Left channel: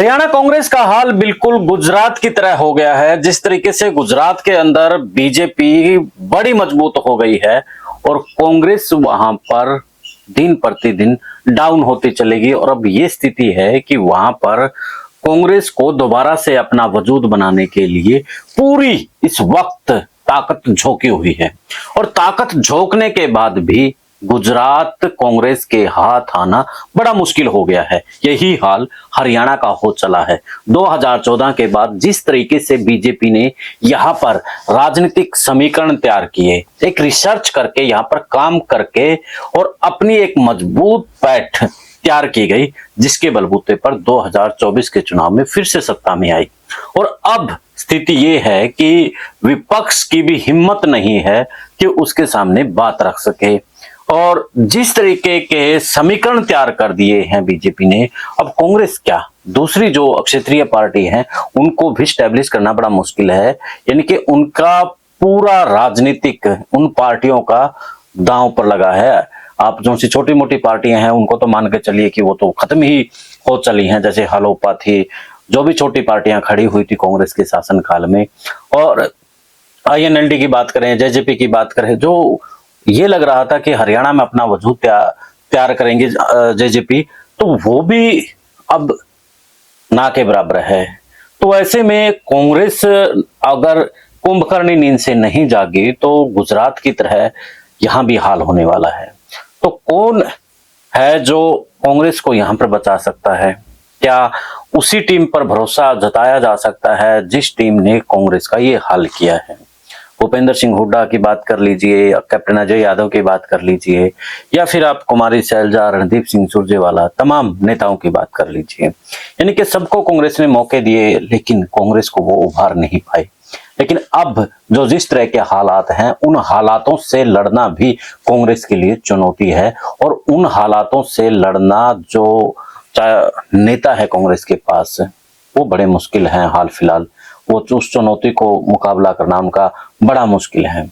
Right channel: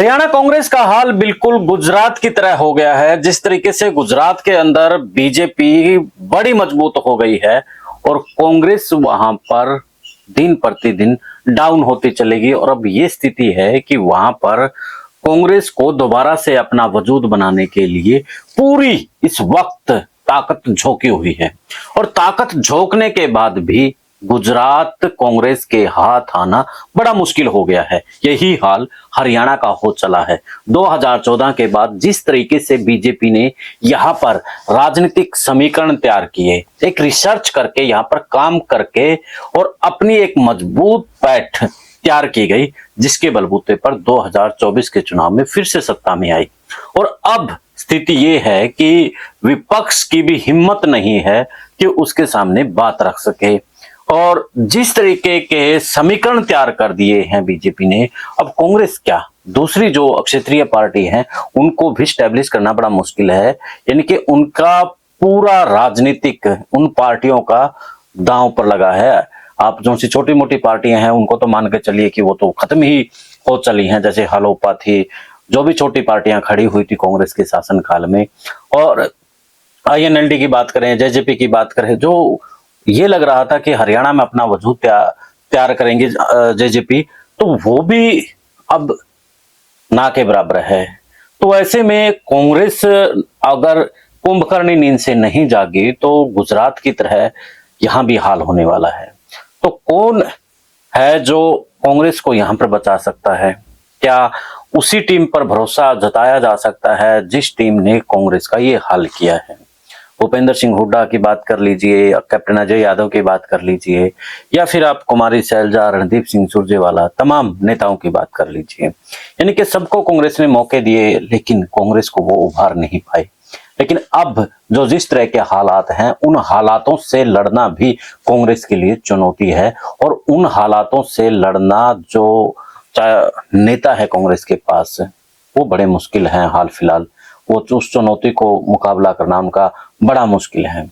हरियाणा कांग्रेस का हाल बिल्कुल गुजरात की तरह हो गया है। जिस तरीके से गुजरात के अंदर बीजेपी बड़ी मजबूत हो गई है और कांग्रेस वहां पर दिन प्रतिदिन डाउन होती चलेगी और अब ये स्थिति है कि वहां पर कांग्रेस को दोबारा से अपना वजूद बनाने के लिए पूरी इस वक्त ताकत झोंकी हुई है और ताकत झोंकने के बाद भी गुजरात कांग्रेस के हाथ आना बड़ा मुश्किल हो गया है। यही हाल हरियाणा का हो चला है। 2014 के बाद जिस तरीके से बीजेपी ने यहाँ पर राजनीतिक समीकरण तैयार किए, एक रिसर्च करके यहाँ पर काम करके और अपनी एक मजबूत पैठ तैयार की गई, जिसके बलबूते पर 2024 के चुनाव में फिर से सत्ता में आई। और अब स्थिति ये है कि विपक्ष की भी हिम्मत नहीं है कि उसके सामने बात रख सके और जिस तरीके के समीकरण तैयार कर दिए हैं बीजेपी ने, अब कांग्रेस क्या दूसरी जो क्षेत्रीय पार्टी है उनको भी स्टैब्लिश करना बड़ा मुश्किल है। यानी कि उनका पूरा राजनीतिक उन पार्टियों का दांव पर लगा है। आप जो सी छोटी मोटी पार्टियां हैं उनको तो मान के चलिए कि वो तो खत्म ही हो चली हैं, जैसे हलोपा थी, जो भी छोटी पार्टियां खड़ी हुई थी कांग्रेस के शासनकाल में। और आईएनएलडी की बात करें, जेजेपी की बात करें, जो ये लग रहा था कि हरियाणा में अपना वजूद तैयार करेंगे जेजेपी, तो वो भी अब ना के बराबर है। तो ऐसे में कांग्रेस अगर कुंभकर्णी नींद से नहीं जागी तो गुजरात की तरह यहां भी हाल होने वाला है। तो कौन है जो कांग्रेस को यहां पर बचा सकता है? क्या उसी टीम पर भरोसा जताया जा सकता है जिस टीम ने कांग्रेस का ये हाल किया है? भूपेंद्र सिंह हुड्डा की बात कर लीजिए, कैप्टन अजय यादव की बात कर लीजिए, या फिर आप कुमारी शैलजा, रणदीप सिंह सुरजेवाला, तमाम नेताओं की बात कर लीजिए। यानी कि सबको कांग्रेस ने मौके दिए लेकिन कांग्रेस को वो उभार नहीं पाए। लेकिन अब जो जिस तरह के हालात हैं, उन हालातों से लड़ना भी कांग्रेस के लिए चुनौती है और उन हालातों से लड़ना जो नेता है कांग्रेस के पास वो बड़े मुश्किल है। हाल फिलहाल वो उस चुनौती को मुकाबला करना उनका बड़ा मुश्किल है।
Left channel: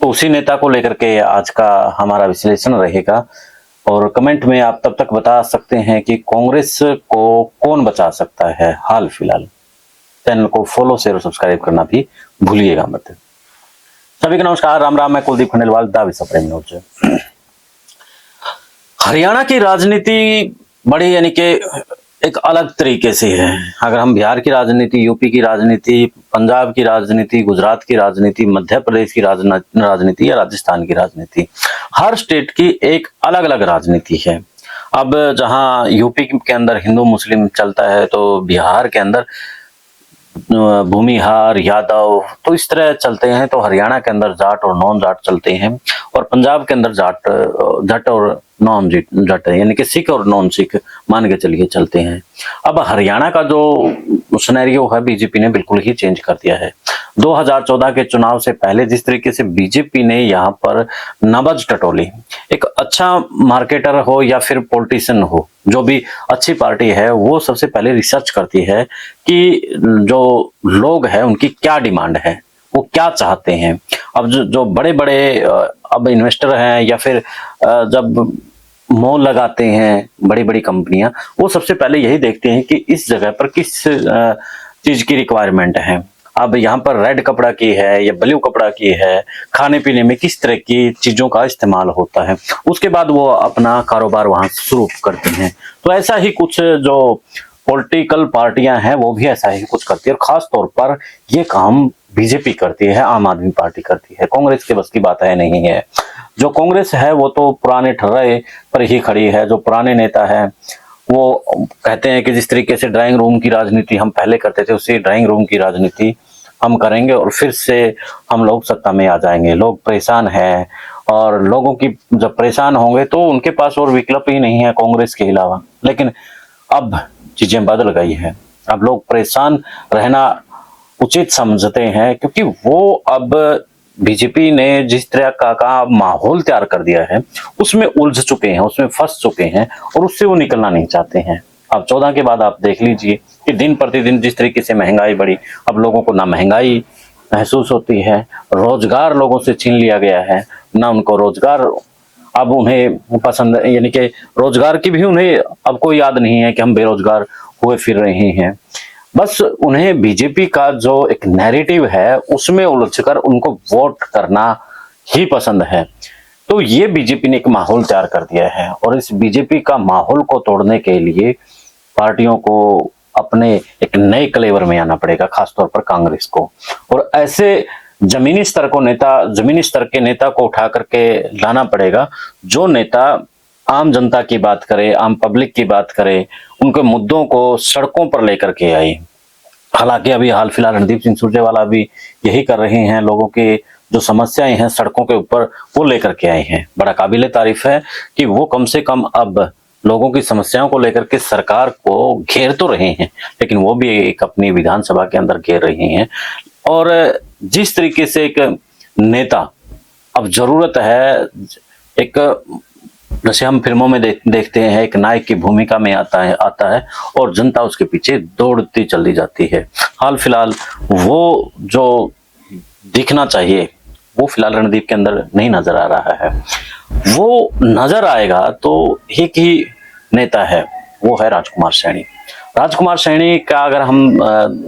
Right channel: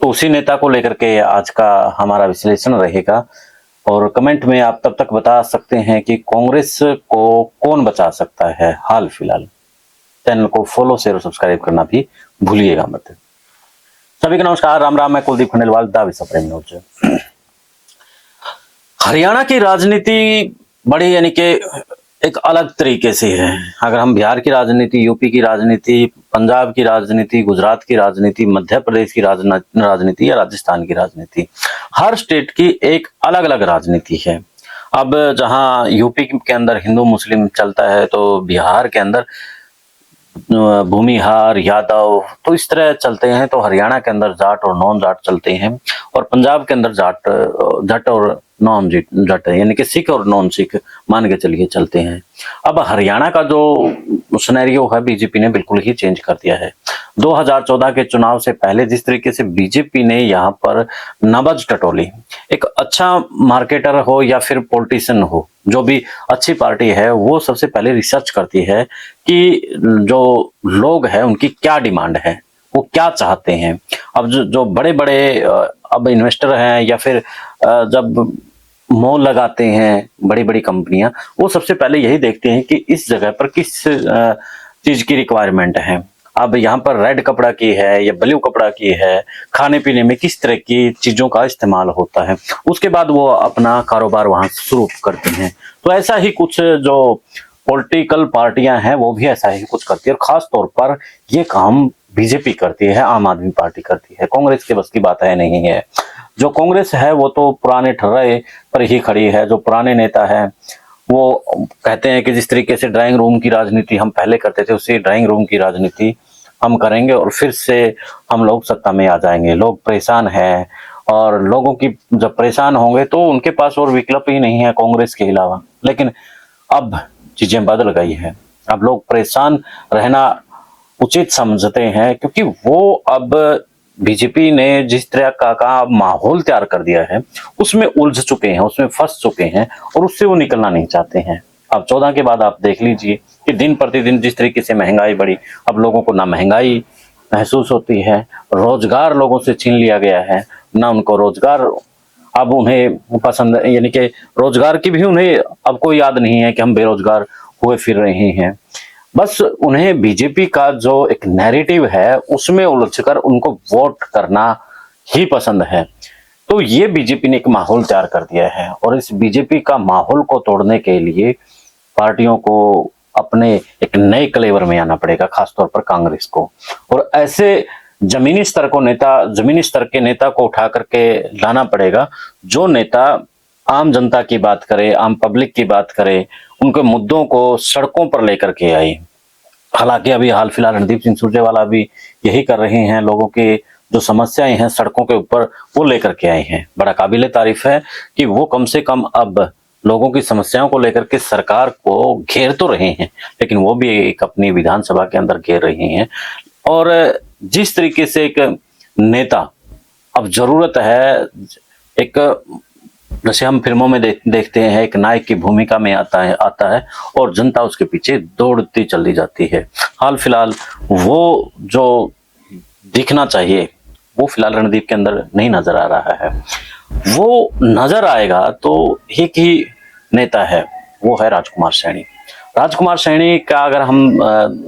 तो उसी नेता को लेकर के आज का हमारा विश्लेषण रहेगा और कमेंट में आप तब तक बता सकते हैं कि कांग्रेस को कौन बचा सकता है हाल फिलहाल। चैनल को फॉलो, शेयर और सब्सक्राइब करना भी भूलिएगा मत। सभी को नमस्कार, राम राम। मैं कुलदीप खंडेलवाल, दावे सप्रेम न्यूज। हरियाणा की राजनीति बड़ी यानी कि एक अलग तरीके से है। अगर हम बिहार की राजनीति, यूपी की राजनीति, पंजाब की राजनीति, गुजरात की राजनीति, मध्य प्रदेश की राजनीति या राजस्थान की राजनीति, हर स्टेट की एक अलग अलग राजनीति है। अब जहां यूपी के अंदर हिंदू मुस्लिम चलता है तो बिहार के अंदर भूमिहार, यादव, तो इस तरह चलते हैं। तो हरियाणा के अंदर जाट और नॉन जाट चलते हैं और पंजाब के अंदर जट और नॉन जट है, यानी कि सिख और नॉन सिख मान के चलिए चलते हैं। अब हरियाणा का जो सिनेरियो है बीजेपी ने बिल्कुल ही चेंज कर दिया है। 2014 के चुनाव से पहले जिस तरीके से बीजेपी ने यहाँ पर नब्ज टटोली, एक अच्छा मार्केटर हो या फिर पॉलिटिशियन हो, जो भी अच्छी पार्टी है वो सबसे पहले रिसर्च करती है कि जो लोग हैं उनकी क्या डिमांड है, वो क्या चाहते हैं। अब जो बड़े बड़े अब इन्वेस्टर हैं या फिर जब मॉल लगाते हैं बड़ी बड़ी कंपनियां, वो सबसे पहले यही देखते हैं कि इस जगह पर किस चीज की रिक्वायरमेंट है। अब यहाँ पर रेड कपड़ा की है या ब्लू कपड़ा की है, खाने पीने में किस तरह की चीजों का इस्तेमाल होता है, उसके बाद वो अपना कारोबार वहां शुरू करते हैं। तो ऐसा ही कुछ जो पॉलिटिकल पार्टियां हैं वो भी ऐसा ही कुछ करती है और खास तौर पर ये काम बीजेपी करती है, आम आदमी पार्टी करती है। कांग्रेस के बस की बात है नहीं है। जो कांग्रेस है वो तो पुराने ठर्रे पर ही खड़ी है। जो पुराने नेता है वो कहते हैं कि जिस तरीके से ड्राइंग रूम की राजनीति हम पहले करते थे, उसी ड्राइंग रूम की राजनीति हम करेंगे और फिर से हम लोग सत्ता में आ जाएंगे। लोग परेशान हैं और लोगों की जब परेशान होंगे तो उनके पास और विकल्प ही नहीं है कांग्रेस के अलावा। लेकिन अब चीजें बदल गई हैं। अब लोग परेशान रहना उचित समझते हैं क्योंकि वो अब बीजेपी ने जिस तरह का माहौल तैयार कर दिया है उसमें उलझ चुके हैं, उसमें फंस चुके हैं और उससे वो निकलना नहीं चाहते हैं। अब 14 के बाद आप देख लीजिए कि दिन प्रतिदिन जिस तरीके से महंगाई बढ़ी, अब लोगों को ना महंगाई महसूस होती है, रोजगार लोगों से छीन लिया गया है, ना उनको रोजगार अब उन्हें पसंद, यानी कि रोजगार की भी उन्हें अब कोई याद नहीं है कि हम बेरोजगार हुए फिर रहे हैं। बस उन्हें बीजेपी का जो एक नैरेटिव है उसमें उलझकर उनको वोट करना ही पसंद है। तो ये बीजेपी ने एक माहौल तैयार कर दिया है और इस बीजेपी का माहौल को तोड़ने के लिए पार्टियों को अपने एक नए कलेवर में आना पड़ेगा, खासतौर पर कांग्रेस को। और ऐसे जमीनी स्तर के नेता को उठा करके लाना पड़ेगा, जो नेता आम जनता की बात करे, आम पब्लिक की बात करे, उनके मुद्दों को सड़कों पर लेकर के आए। हालांकि अभी हाल फिलहाल रणदीप सिंह सुरजेवाला भी यही कर रहे हैं, लोगों के जो समस्याएं हैं सड़कों के ऊपर वो लेकर के आए हैं। बड़ा काबिले तारीफ है कि वो कम से कम अब लोगों की समस्याओं को लेकर के सरकार को घेर तो रहे हैं, लेकिन वो भी एक अपनी विधानसभा के अंदर घेर रही हैं। और जिस तरीके से एक नेता अब जरूरत है, एक जैसे हम फिल्मों में देखते हैं, एक नायक की भूमिका में आता है और जनता उसके पीछे दौड़ती चली जाती है। हाल फिलहाल वो जो दिखना चाहिए वो फिलहाल रणदीप के अंदर नहीं नजर आ रहा है। वो नजर आएगा तो एक ही नेता है, वो है राजकुमार सैनी। राजकुमार सैनी का अगर हम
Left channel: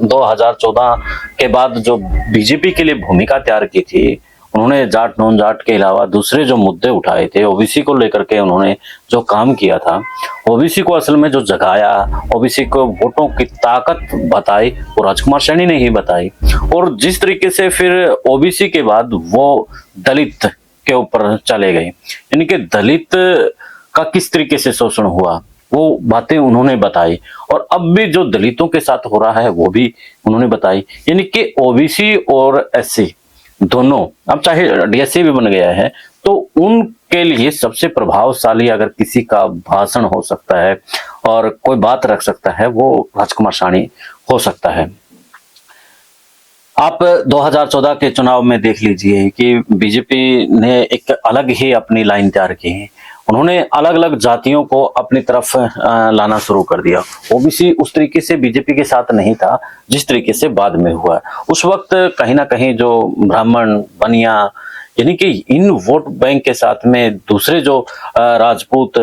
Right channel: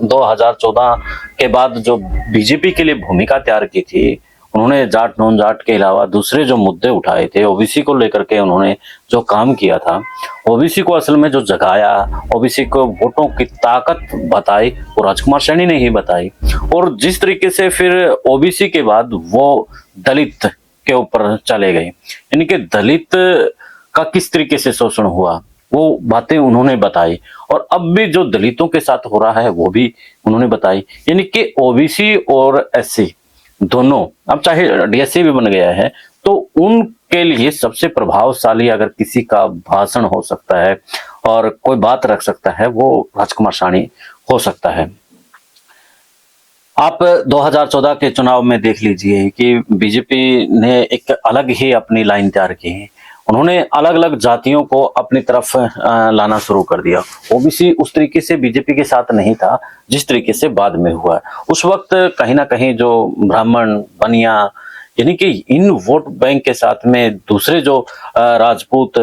2014 के बाद जो बीजेपी के लिए भूमिका तैयार की थी, उन्होंने जाट नॉन जाट के अलावा दूसरे जो मुद्दे उठाए थे, ओबीसी को लेकर के उन्होंने जो काम किया था, ओबीसी को असल में जो जगाया, ओबीसी को वोटों की ताकत बताई, वो राजकुमार सैनी ने ही बताई। और जिस तरीके से फिर ओबीसी के बाद वो दलित के ऊपर चले गए, यानी कि दलित का किस तरीके से शोषण हुआ वो बातें उन्होंने बताई। और अब भी जो दलितों के साथ हो रहा है वो भी उन्होंने बताई। यानी कि ओबीसी और एससी दोनों, अब चाहे डीएससी भी बन गया है, तो उनके लिए सबसे प्रभावशाली अगर किसी का भाषण हो सकता है और कोई बात रख सकता है, वो राजकुमार सैनी हो सकता है। आप 2014 के चुनाव में देख लीजिए कि बीजेपी ने एक अलग ही अपनी लाइन तैयार की है। उन्होंने अलग अलग जातियों को अपनी तरफ लाना शुरू कर दिया। ओबीसी उस तरीके से बीजेपी के साथ नहीं था जिस तरीके से बाद में हुआ। उस वक्त कहीं ना कहीं जो ब्राह्मण, बनिया, यानी कि इन वोट बैंक के साथ में दूसरे जो राजपूत,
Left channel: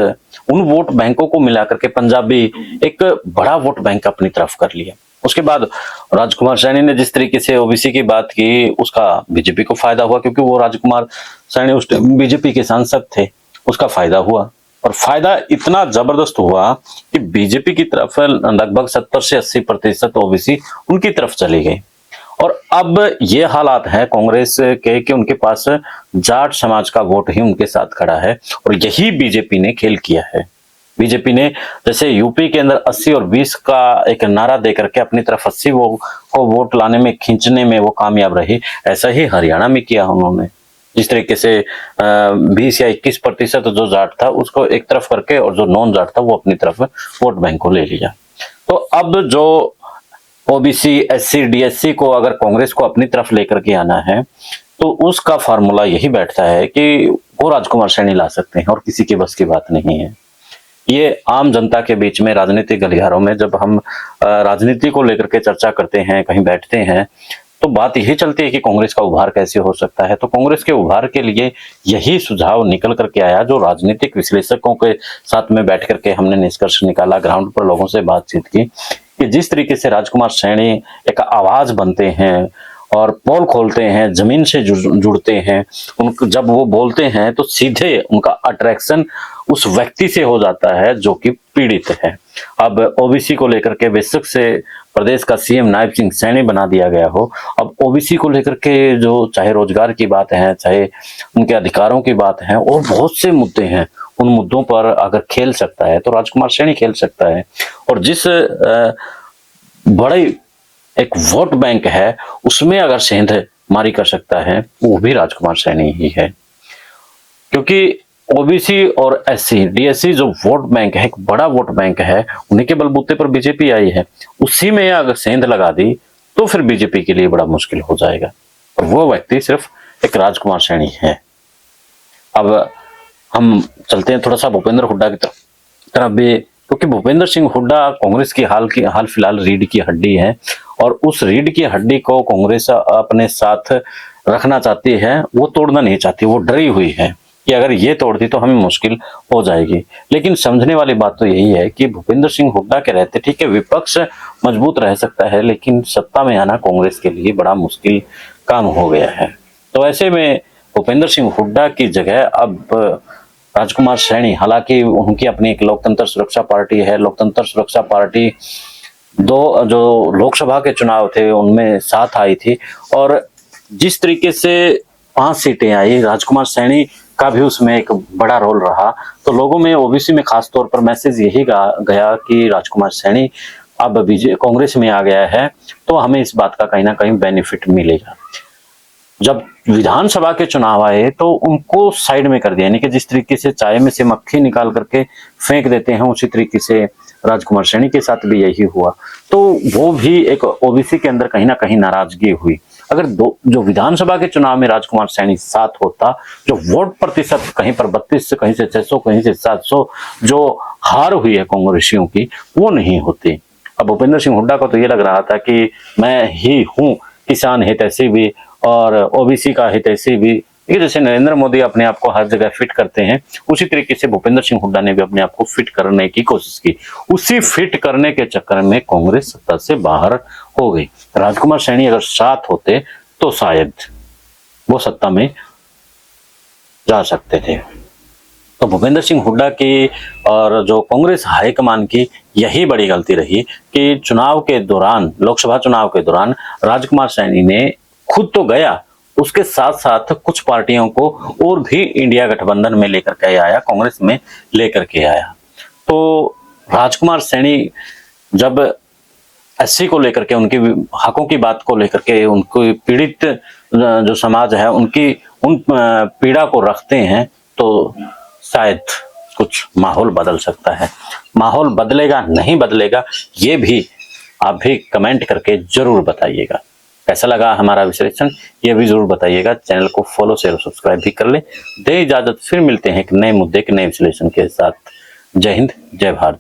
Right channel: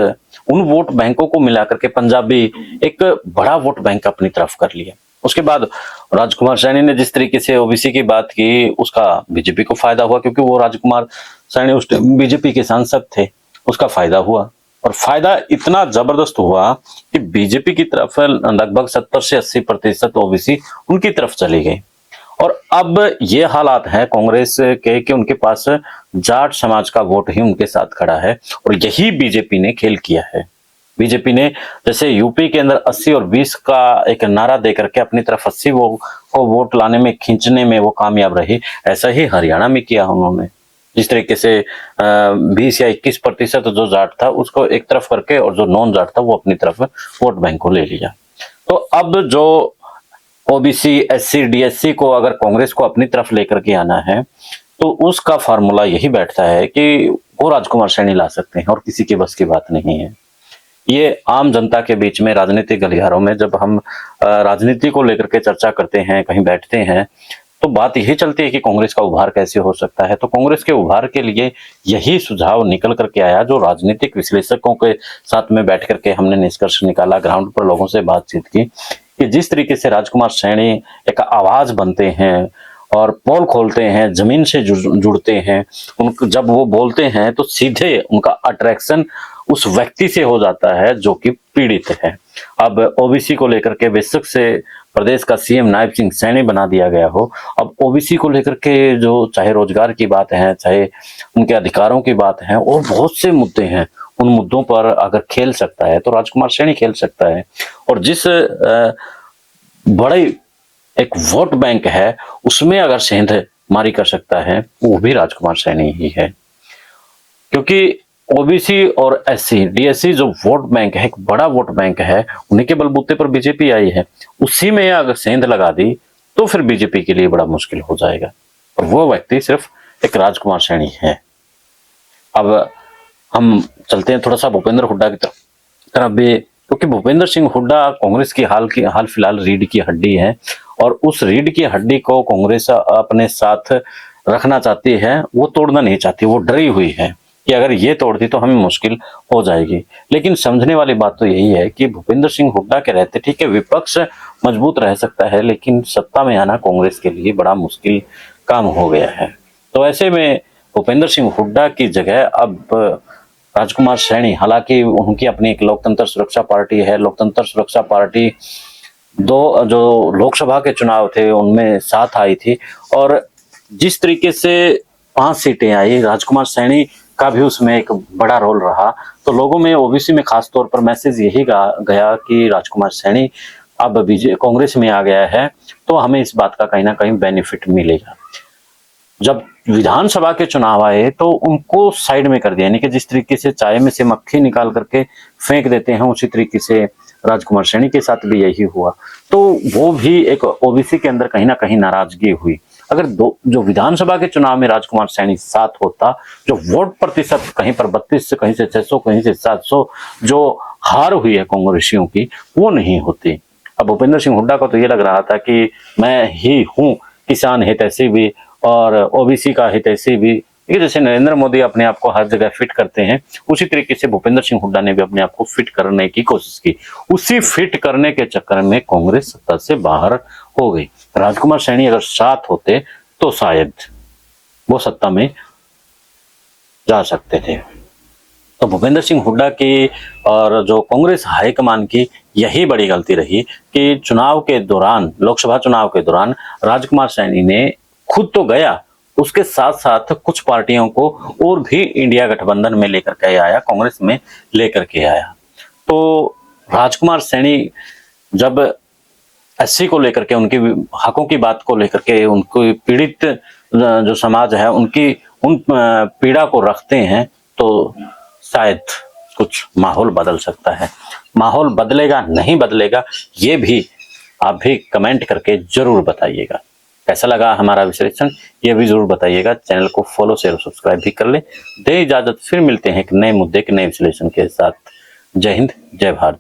उन वोट बैंकों को मिलाकर के पंजाबी एक बड़ा वोट बैंक अपनी तरफ कर लिया। उसके बाद राजकुमार सैनी ने जिस तरीके से ओबीसी की बात की, उसका बीजेपी को फायदा हुआ, क्योंकि वो राजकुमार सैनी उस टाइम बीजेपी के सांसद थे, उसका फायदा हुआ। और फायदा इतना जबरदस्त हुआ कि बीजेपी की तरफ लगभग 70 से 80% ओबीसी उनकी तरफ चली गई। और अब ये हालात है कांग्रेस के कि उनके पास जाट समाज का वोट ही उनके साथ खड़ा है, और यही बीजेपी ने खेल किया है। बीजेपी ने जैसे यूपी के अंदर 80 और 20 का एक नारा देकर के अपनी तरफ 80 को वोट लाने में, खींचने में वो कामयाब रहे, ऐसा ही हरियाणा में किया उन्होंने। जिस तरीके से 20 या 21% जो जाट था उसको एक तरफ करके और जो नॉन जाट था वो अपनी तरफ वोट बैंक को ले लिया। तो अब जो ओबीसी, एससी, डीएससी को अगर कांग्रेस को अपनी तरफ लेकर के आना है, तो उसका फार्मूला यही बैठता है कि वो राजकुमार सैनी ला सकते हैं और किसी के बस की बात नहीं है। ये आम जनता के बीच में राजनीतिक गलियारों में जब हम राजनीति को लेकर के चर्चा करते हैं, कहीं बैठते हैं, तो बात यही चलती है कि कांग्रेस का उभार कैसे हो सकता है। तो कांग्रेस के उभार के लिए यही सुझाव निकल करके आया, जो राजनीतिक विश्लेषकों के साथ में बैठ करके हमने निष्कर्ष निकाला, ग्राउंड पर लोगों से बातचीत की, कि जिस तरीके से राजकुमार सैनी एक आवाज बनते हैं और पोल खोलते हैं, जमीन से जुड़ते हैं, उनको जब वो बोलते हैं तो सीधे उनका अट्रैक्शन उस व्यक्ति से हो जाता है जो कि पीड़ित है। अब ओबीसी को लेकर के बेशक से प्रदेश का सीएम नायब सिंह सैनी बना दिया गया हो, अब ओबीसी को लेकर के जो चाहे रोजगार की बात है, चाहे उनके अधिकारों की बात है, और बहुत से मुद्दे हैं, उन मुद्दों पर अगर खेल सकता है तो राजकुमार सैनी खेल सकता है। और जिस बड़े एक वोट बैंक है उसमें अगर सेंध मारी कर सकता है वो भी राजकुमार सैनी ही है। क्योंकि ओबीसी और एससी, डीएससी जो वोट बैंक है, एक बड़ा वोट बैंक है, उन्हीं के बलबूते पर बीजेपी आई है। उसी में अगर सेंध लगा दी तो फिर बीजेपी के लिए बड़ा मुश्किल हो जाएगा, और वो व्यक्ति सिर्फ एक राजकुमार सैनी है। अब हम चलते हैं थोड़ा सा भूपेंद्र हुड्डा की तरफ भी, क्योंकि भूपेंद्र सिंह हुड्डा कांग्रेस की हाल फिलहाल रीढ़ की हड्डी है, और उस रीढ़ की हड्डी को कांग्रेस अपने साथ रखना चाहती है, वो तोड़ना नहीं चाहती, वो डरी हुई है। कि अगर ये तोड़ दी तो हमें मुश्किल हो जाएगी। लेकिन समझने वाली बात तो यही है कि भूपेंद्र सिंह हुड्डा के रहते, ठीक है, विपक्ष मजबूत रह सकता है, लेकिन सत्ता में आना कांग्रेस के लिए बड़ा मुश्किल काम हो गया है। तो ऐसे में भूपेंद्र सिंह हुड्डा की जगह अब राजकुमार सैनी, हालांकि उनकी अपनी एक लोकतंत्र सुरक्षा पार्टी है, लोकतंत्र सुरक्षा पार्टी दो जो लोकसभा के चुनाव थे उनमें साथ आई थी, और जिस तरीके से 5 सीटें आई, राजकुमार सैनी का भी उसमें एक बड़ा रोल रहा। तो लोगों में, ओबीसी में खास तौर पर मैसेज यही गया कि राजकुमार सैनी अब बीजेपी कांग्रेस में आ गया है तो हमें इस बात का कहीं ना कहीं बेनिफिट मिलेगा। जब विधानसभा के चुनाव आए तो उनको साइड में कर दिया, यानी कि जिस तरीके से चाय में से मक्खी निकाल करके फेंक देते हैं, उसी तरीके से राजकुमार सैनी के साथ भी यही हुआ। तो वो भी एक ओबीसी के अंदर कहीं ना कहीं नाराजगी हुई। अगर जो विधानसभा के चुनाव में राजकुमार सैनी साथ होता, जो वोट प्रतिशत कहीं पर 32 से कहीं से 600 कहीं से 700 जो हार हुई है कांग्रेसियों की, वो नहीं होती। अब भूपेंद्र सिंह हुड्डा को तो ये लग रहा था कि मैं ही हूँ किसान हितैषी भी और ओबीसी का हितैषी भी, ये जैसे नरेंद्र मोदी अपने आप को हर जगह फिट करते हैं, उसी तरीके से भूपेंद्र सिंह हुड्डा ने भी अपने आप को फिट करने की कोशिश की। उसी फिट करने के चक्कर में कांग्रेस सत्ता से बाहर हो गई। राजकुमार सैनी अगर साथ होते तो शायद वो सत्ता में जा सकते थे। तो भूपेंद्र सिंह हुड्डा की और जो कांग्रेस हाईकमान की यही बड़ी गलती रही कि चुनाव के दौरान, लोकसभा चुनाव के दौरान राजकुमार सैनी ने खुद तो गया, उसके साथ साथ कुछ पार्टियों को और भी इंडिया गठबंधन में लेकर के आया, कांग्रेस में लेकर के आया। तो राजकुमार सैनी जब एससी को लेकर के, उनके हकों की बात को लेकर के, उनको पीड़ित जो समाज है उनकी उन पीड़ा को रखते हैं, तो शायद कुछ माहौल बदल सकता है। माहौल बदलेगा नहीं बदलेगा, ये भी आप भी कमेंट करके जरूर बताइएगा। कैसा लगा हमारा विश्लेषण ये भी जरूर बताइएगा। चैनल को फॉलो शेयर सब्सक्राइब भी कर ले। दे इजाजत, फिर मिलते हैं एक नए मुद्दे के नए विश्लेषण के साथ। जय हिंद, जय भारत।